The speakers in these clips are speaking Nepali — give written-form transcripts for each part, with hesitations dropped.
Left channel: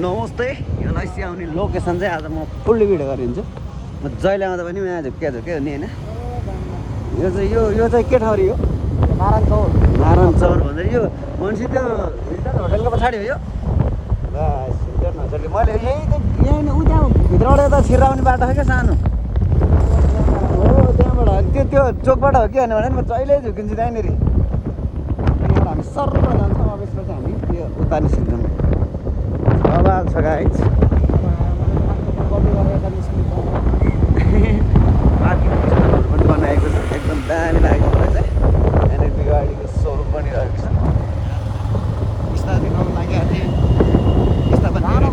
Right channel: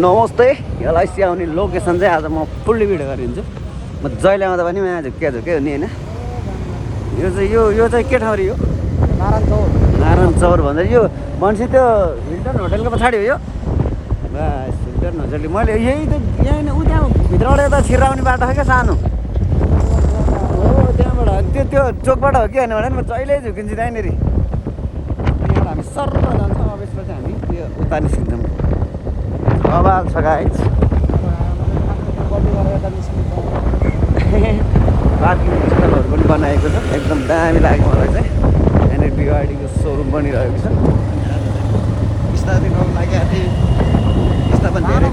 नमस्ते एलआइसी आउने लोकेसन चाहिँ आज म फुल्ली भिडियो गरिदिन्छु। म जहिले आउँदा पनि आज के हो नि होइन। यो चाहिँ के ठाउँ यो नारायण चौर भन्दा यो मान्छे त्यो हिल्टन होटेलको पछाडि हो यो। बस हिल्टन होटेल मैले यही नै उ त्यहाँ भित्रबाट यता छिराउने बाटो हो क्या सानो हो त्यहाँबाट त्यो चोकबाट हो कि होइन भने म जहिले झुकिन्छु त्यहाँनिर। त्यहाँबाट हामी सर्र जान्छौँ। अब यसपछि हामी त्यो उता निस्किन्छौँ। बवाल छ गाइस। पार्किङ स्थलहरू पनि बनाएको छ एकदम दामी लाग्यो मलाई चाहिँ। यहाँनिर बिगाडीको सोरुम बनिरहेको छ। बिस्तारै गाउँ लागि यस्ता पनि धेरै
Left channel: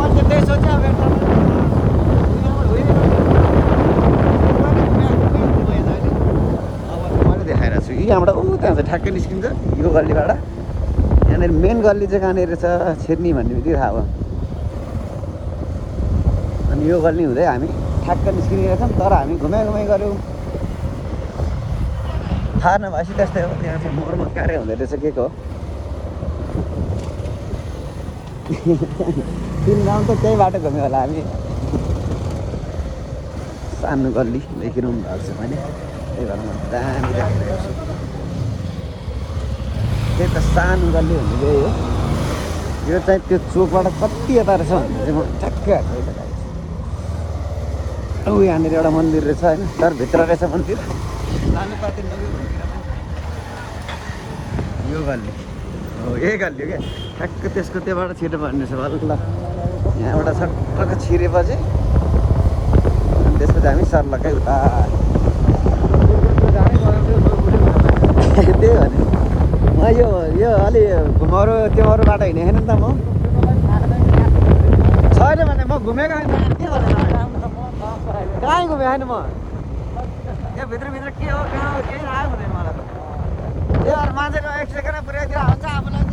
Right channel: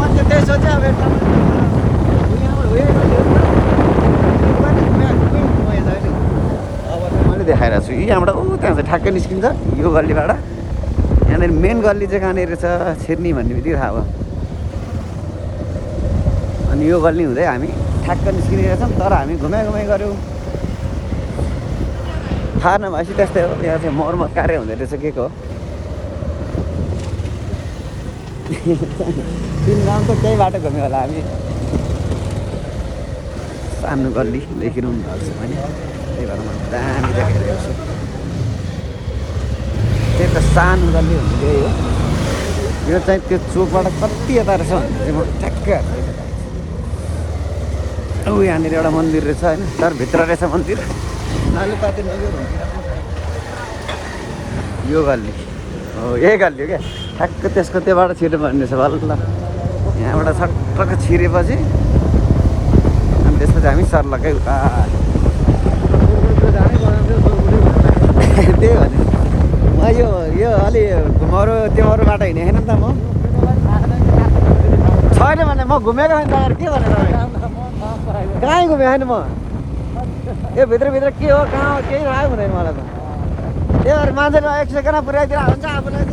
मैले त्यही सोचेँ अब मैले देखाइरहेको छु यहाँबाट ऊ त्यहाँ चाहिँ ठ्याक्कै निस्किन्छ यो गल्लीबाट। यहाँनिर मेन गल्ली चाहिँ कहाँनिर छ छिर्नी भन्ने बित्तिकै थाहा भयो। अनि यो गल्ली हुँदै हामी ठ्याक्कै निस्किरहेको छौँ। तर हामी घुमाइ गऱ्यौँ थाहा नभएपछि त्यस्तै हो। यहाँ चाहिँ मर्मत कार्य हुँदै रहेछ के को किन त त्यही बाटो घुम्यो होला हामी। सानो गल्ली देखिरहनु भएको छ त्यो त सानो गल्ली यो चाहिँ त्यो चोकबाट कति यता रहेछ ठ्याक्कै यहाँनिर एउटा मन्दिर रहेछ तर भित्र रहेछ मन्दिर। यो गल्ली हो यही गल्ली हो क्या ठ्याक्क त्यसको त्योबाट छिर्नु पर्ने रहेछ भल। यहाँबाट छटक्क छिरेपछि त्यसपछि हामी सर्लकै त्यही हो यो अलि अरू त्यो अरू बाटो हिँडेको छैन नि त म छैन भने म घुमेको होइन के भने कहीँ घुमेको छैन म। यो भित्रभित्र के हो कहाँ हो केही थाहा हुँदैन मलाई त। त्यहाँ मान्छेले 1 सेकेन्डमा पुर्याइदिएर हुन्छ आफूलाई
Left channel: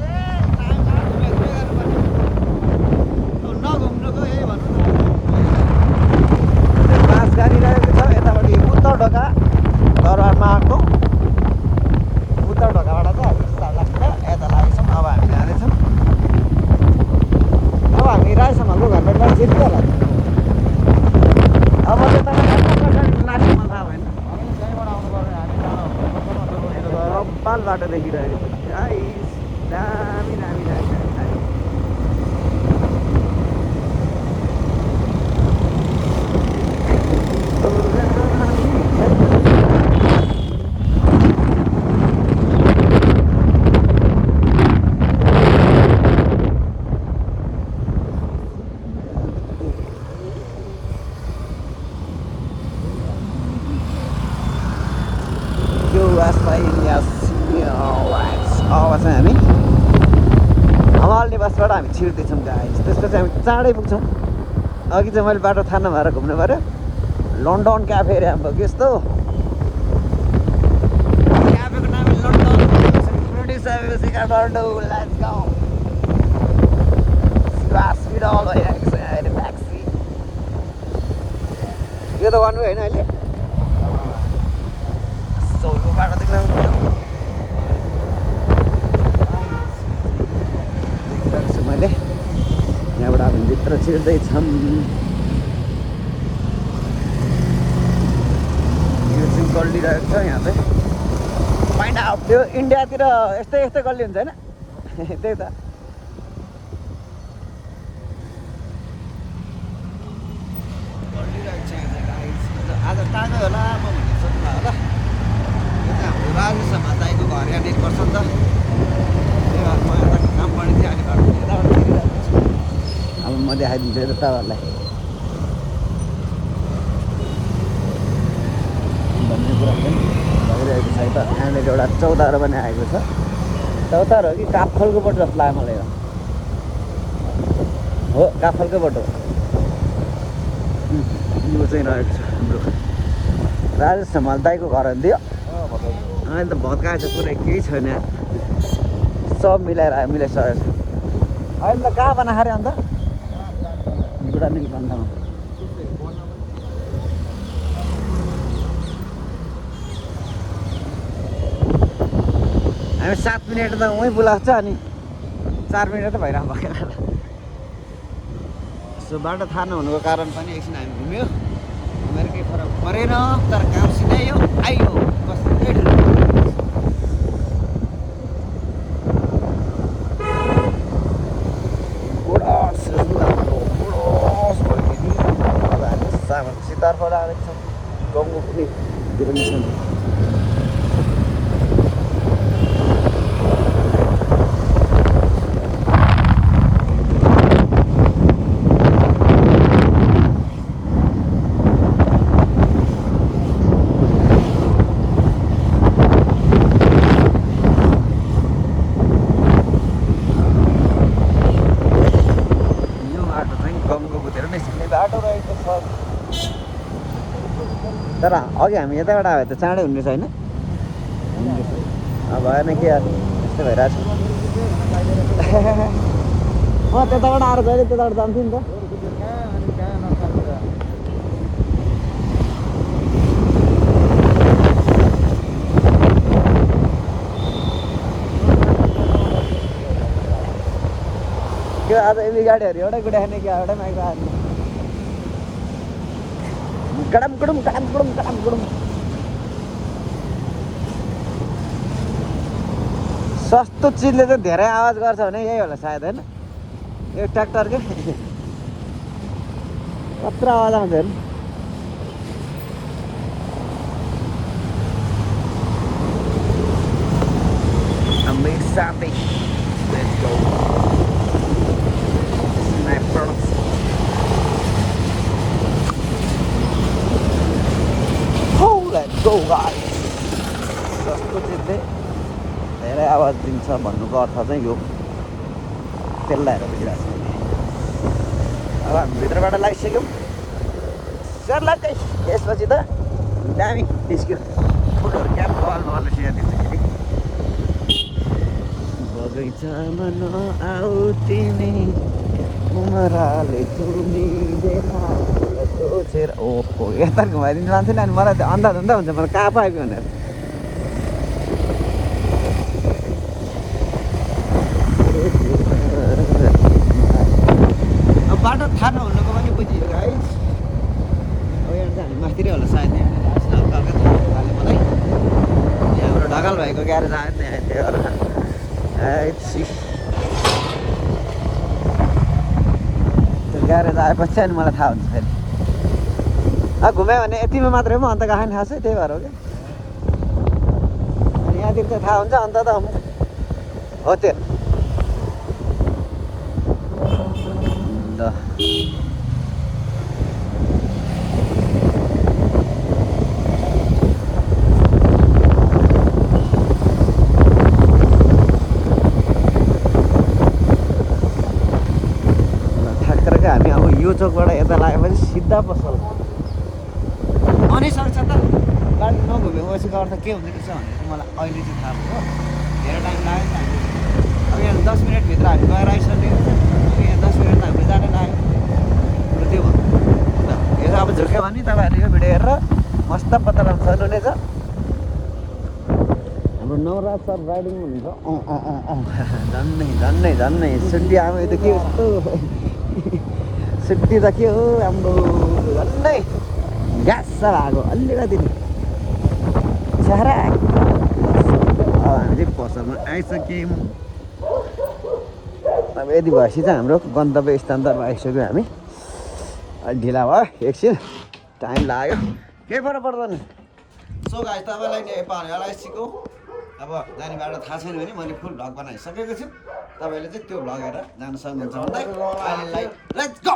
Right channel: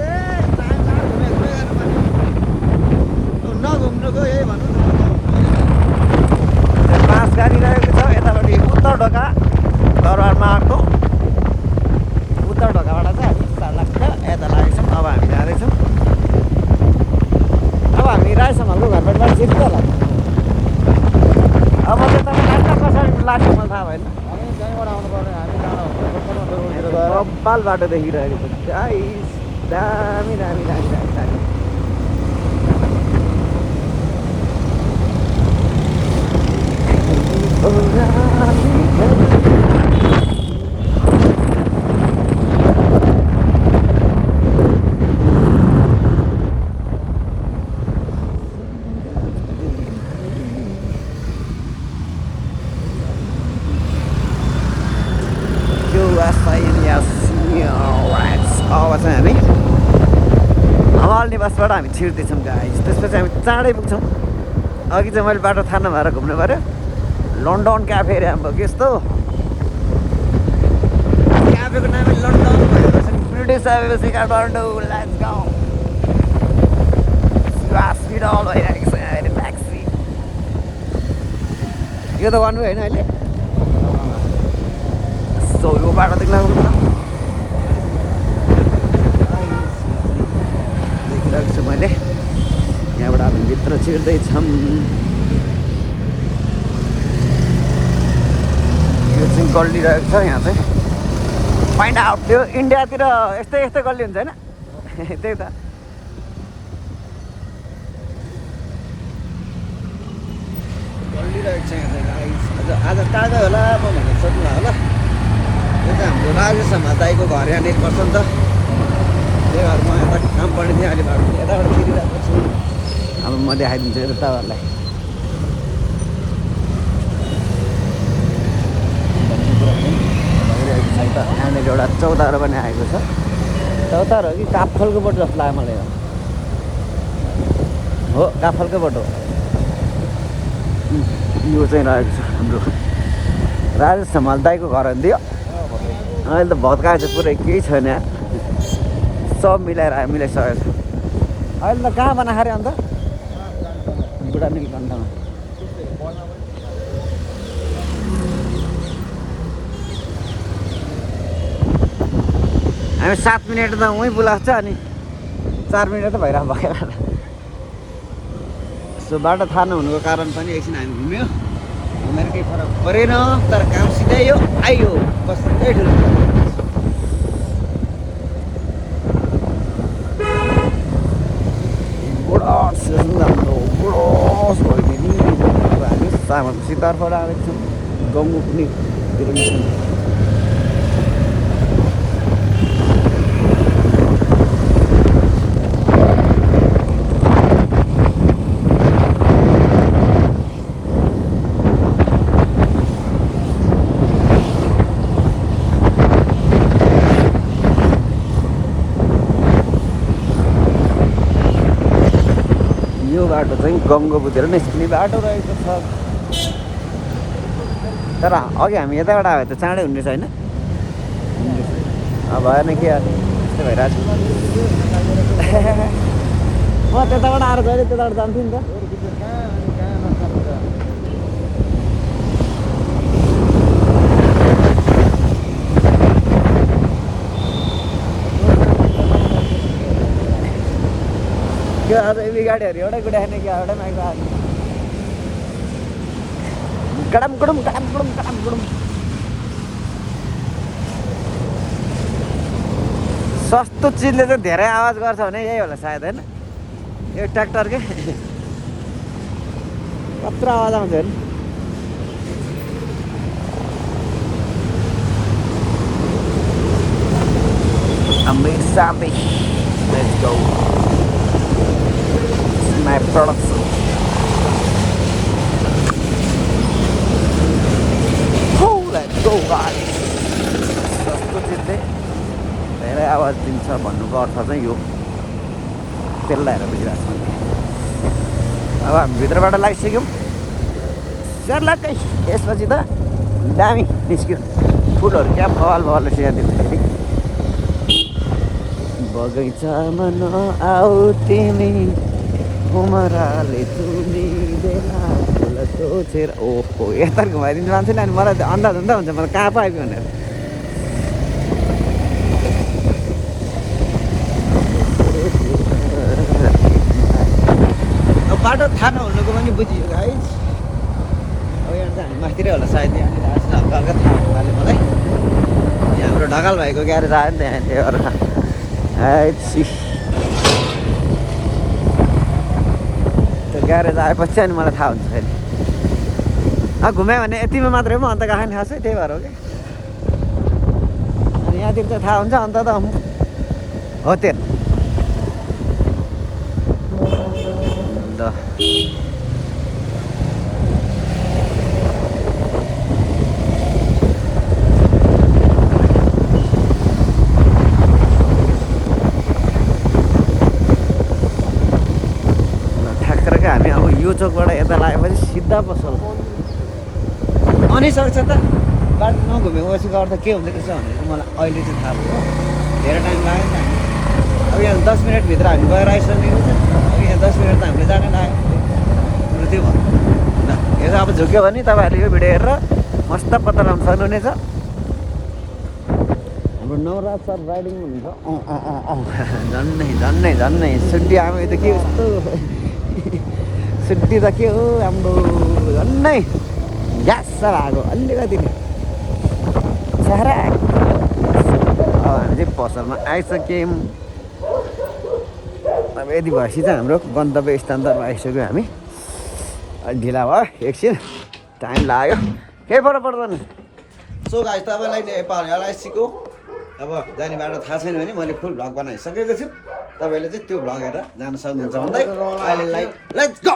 नघुम्नुको यही भन्नु। पास गरिरहेको छ यतापट्टि उत्तर ढोका दरबारमा आएको उत्तर ढोकाबाट चाहिँ हामी सर्लक्क यता लागेछौँ। अब हामी जाँदैछौँ। अब हामी राई समालको घरबाट छिर्छ होला। अब त्यता कसरी लाग्ने मलाई थाहा भएन। कपाल बाटो देखिरहेको छ दामी दामी दामी दामी दामी। अब चाहिँ हामी हवाल्ने बसबाट हामी छिर्दैछौँ गाइस। त्यसपछि हामी चाँडै पुग्छौँ। अघि चाहिँ मैले बाटो थाहा नभएर घुम्नु पऱ्यो। लन्डन क्याफे अरे हाम्रो यस्तो क्याफेको नाम लन्डन ब्रिटिस हस्पिटल भइरहेको छ अहिले ट्याक्सी यो त गर्नु होइन अहिले सौको बाटो देख्न देखिरहेको छु मैले। यहाँबाट भित्र छिर्दैछौँ। यो चाहिँ गल्ली रहेको छ यहाँ चाहिँ फाइन्ड आउट। त्यो इन्डियातिर यस्तै यस्तै गल्ली हुन्छ होइन त्यही त। गल्ली रहेको छ यहाँ चाहिँ गाइस। आज ताजा होला म भनेर सोध्नु होला। यो चाहिँ हाम्रो राजेश दाइको घर यहाँ देख्नुपर्छ नि त। त्यही भएर म यता काम पर्ने थिएँ अहिले बाटो यताबाट हिँडिरहेको छु। अब म देखाइदिन्छु यो तपाईँहरूलाई। एउटा चौतारो पनि आएको छ। चौतारो हो कि काफलको बोटो जस्तो लाग्यो मलाई हो काफलकै बोटो। यो चाहिँ रहेको छ हाम्रो राजेश हमाल दाइको घर दियो। अहिले त भत्काएको छ पुरै केही छैन सब मिलाएर मिलाइसकेको छु। अहिले त कहाँ बनाएको अरे अन्त बुढा मिल भन्दामा हामी 7 मिनट त उहीँ बोलाएको छ अनि 4 मिनट त भइरहेको भयो सो बाटो थाहा नहुनुको कारण पनि एकछिन हामी घुम्यो घुमेर केही फरक परेन तर काम सिधै यो आइयो कस्तै ठुलो सामान सिद्धार्थबाट आएको छौँ गाउँ पनि यो बाटो चाहिँ गङ्गोपुतिर निस्किने बाटो रहेको छ तर अघि हामी यताबाट आयो त चाँडै हुने छैन भएन कि त्यस्तो भइरहेको छ म त्यताबाट आएर जहिले त्यताबाट जान्थेँ नि त त्यो आज यी गाडीहरू एउटै गुडाएन कि एउटै माइक आएको गडम गडम गडम गडम गडम गडम सस्तो चिजले चाहिँ धेरै आवाज गर्छ भने यही होला सायद होइन यो ट्र्याक्टरकै कत्रो आवाज आउँछ Amazing. Let's go. My production. Let's go guys. सस्तो चिज चाहिँ धेरै आवाज दिन्छ भन्नुको अर्थ चाहिँ यो त्यसलाई हेरेर बुझिरहेको छ अब हामी भित्रबाट लगाइसक्यौँ सेरलाई चाहिँ यसपछि त दामी निस्क्यो फुलहरू क्या बवाल बवालले सिहाइदिन्छ फेरि बगैँचामा नआऊ तिमी उमराले सोचेर ओहो यता घुमाइदिन्छ मान्छेले अनि मलाई अन्दाज हुन्छ मलाई कहाँ पो आइपुग्यो भनेर बाटो थाहा नहुनुको पनि बुझियो है अब यहाँ चाहिँ हामी माथितिरै होला सायद हल्का हल्का थाहा बाटो मलाई हाम्रो ढकाल भएको ग्यारेज आयो नि त यहाँ त्यो अर्का त्यो ग्यारेज आएपछि अनि मलाई थाहा हुन्छ फेरि अब घुम्यो भने यतिमा मात्रै पो अन्त गएको नि खासै त्यही भएर हो कि यहाँतिर चाहिँ थाहा हुन्छ अन्त त हो त्यो ल ठ्याक्करकै हामी अब यो चोकबाट यता लागेपछि सिधा पसल अनि सक्छ त बाटो नघुमेको पछि गर्दा के हुँदो रहेछ भनेर मलाई अहिले चाहिँ थाहा भयो धेरै टाइम लाग्यो नि त हामी अब यहाँ 10 मिनटभित्र हामी गएर आइसकेको छ अब यहाँ 10 मिनट त हामीले जान लाग्यो त्यो भयो ल यो अब झुक्यो भने तपाईँहरूले यो भिडियो हेरेर मस्त पत्ता लगाउन सक्नुहुनेछ हाम्रो नवराज सर राइडिङ हुन्छ झन्नै सुट्टी अब यो त के सुट्टी त के हो हाम्रो झन्नै ग्यास भएको अलिकति सारा अब हामी चाहिँ पसलमा आइसक्यौँ अब यदि भएपछि चाहिँ हाम्रो गन्तव्य स्थानतर्फ आइसक्यो हामी ढिला भयो एकछिन टाइम लाग्यो केही फरक पर्दैन सो गाइस तपाईँलाई नेपालीलाई सिकौ अब जाने बाटो थाहा छैन भने मैले फुल भ्लग बनाइसकेको छु तपाईँले चाहिँ त्यो भ्लग हेरेर जान सक्नुहुन्छ भन्दै अहिले लेट्स गो